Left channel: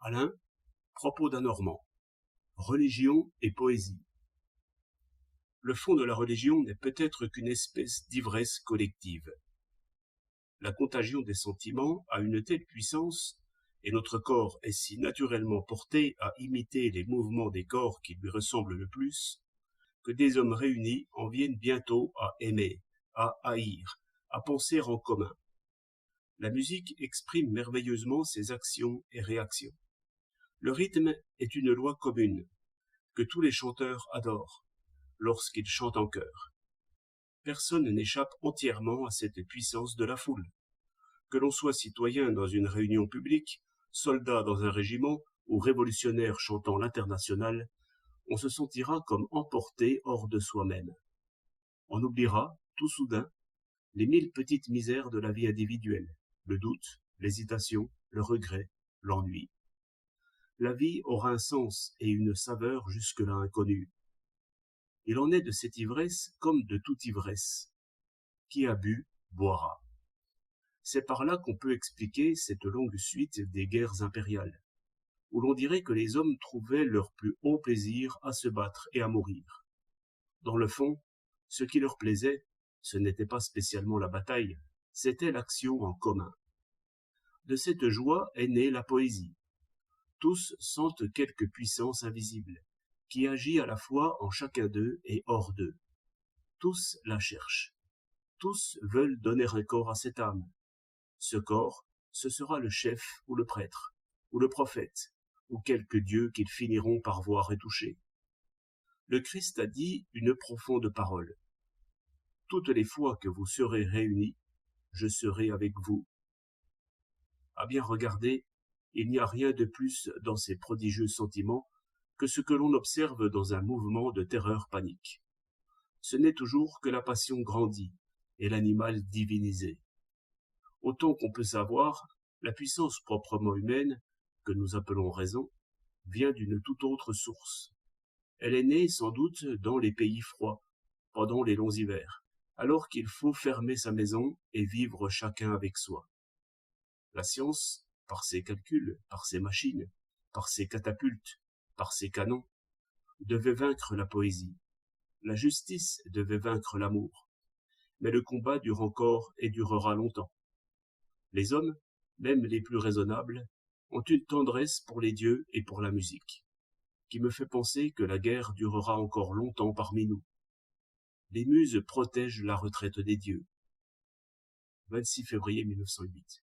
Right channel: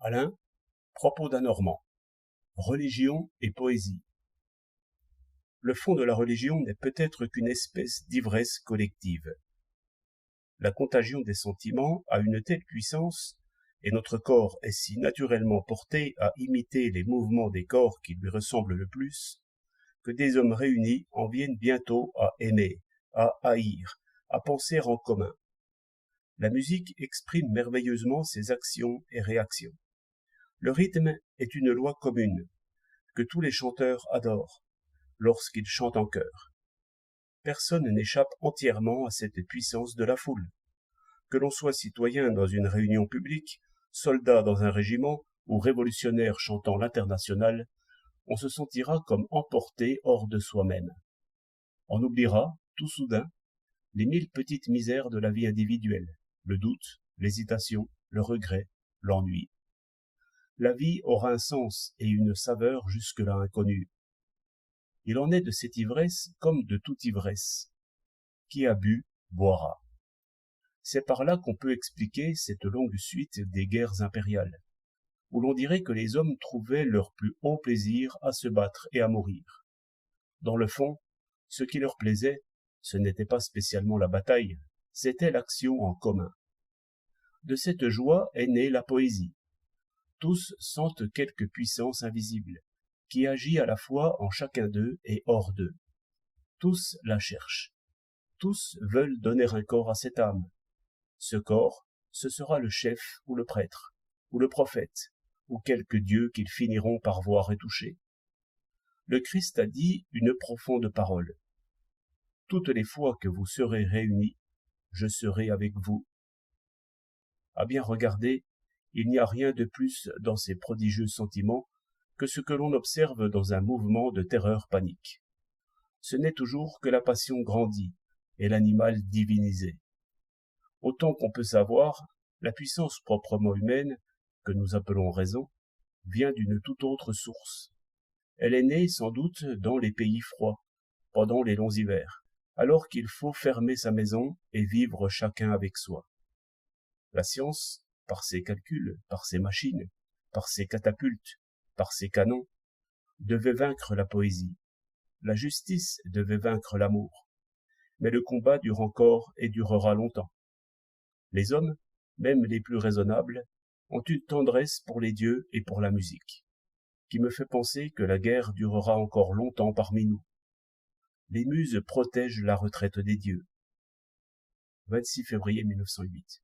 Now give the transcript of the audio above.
Alain, propos d'un Normand. Religion et poésie. Le fond de la religion n'est peut-être qu'une espèce d'ivresse collective. La contagion des sentiments a une telle puissance, et notre corps est si naturellement porté à imiter les mouvements des corps qui lui ressemblent le plus, que des hommes réunis en viennent bientôt à aimer, à haïr, à penser en commun. La musique exprime merveilleusement ses actions et réactions. Le rythme est une loi commune, que tous les chanteurs adorent, lorsqu'ils chantent en chœur. Personne n'échappe entièrement à cette puissance de la foule. Que l'on soit citoyen dans une réunion publique, soldat dans un régiment ou révolutionnaire chantant l'Internationale, on se sentira comme emporté hors de soi-même. On oubliera, tout soudain, les 1000 petites misères de la vie individuelle, le doute, l'hésitation, le regret, l'ennui. La vie aura un sens et une saveur jusque-là inconnue. Il en est de cette ivresse comme de toute ivresse. Qui a bu, boira. C'est par là qu'on peut expliquer cette longue suite des guerres impériales, où l'on dirait que les hommes trouvaient leur plus haut plaisir à se battre et à mourir. Dans le fond, ce qui leur plaisait, ce n'était pas spécialement la bataille, c'était l'action en commun. De cette joie est née la poésie. Tous sentent quelque puissance invisible, qui agit à la fois en chacun d'eux et hors d'eux. Tous la cherchent. Tous veulent donner un corps à cette âme. Ce corps, ce sera le chef ou le prêtre, ou le prophète, ou quelque dieu qu'ils finiront par voir et toucher. Le Christ a dit une profonde parole. Toutes les fois que vous serez réunis, je serai avec vous. À bien regarder, il n'y a rien de plus dans ces prodigieux sentiments que ce que l'on observe dans un mouvement de terreur panique. Ce n'est toujours que la passion grandie et l'animal divinisé. Autant qu'on peut savoir, la puissance proprement humaine, que nous appelons raison, vient d'une toute autre source. Elle est née sans doute dans les pays froids, pendant les longs hivers, alors qu'il faut fermer sa maison et vivre chacun avec soi. La science, par ses calculs, par ses machines, par ses catapultes, par ses canons, devait vaincre la poésie. La justice devait vaincre l'amour. Mais le combat dure encore et durera longtemps. Les hommes, même les plus raisonnables, ont une tendresse pour les dieux et pour la musique, qui me fait penser que la guerre durera encore longtemps parmi nous. Les muses protègent la retraite des dieux. 26 février 1908.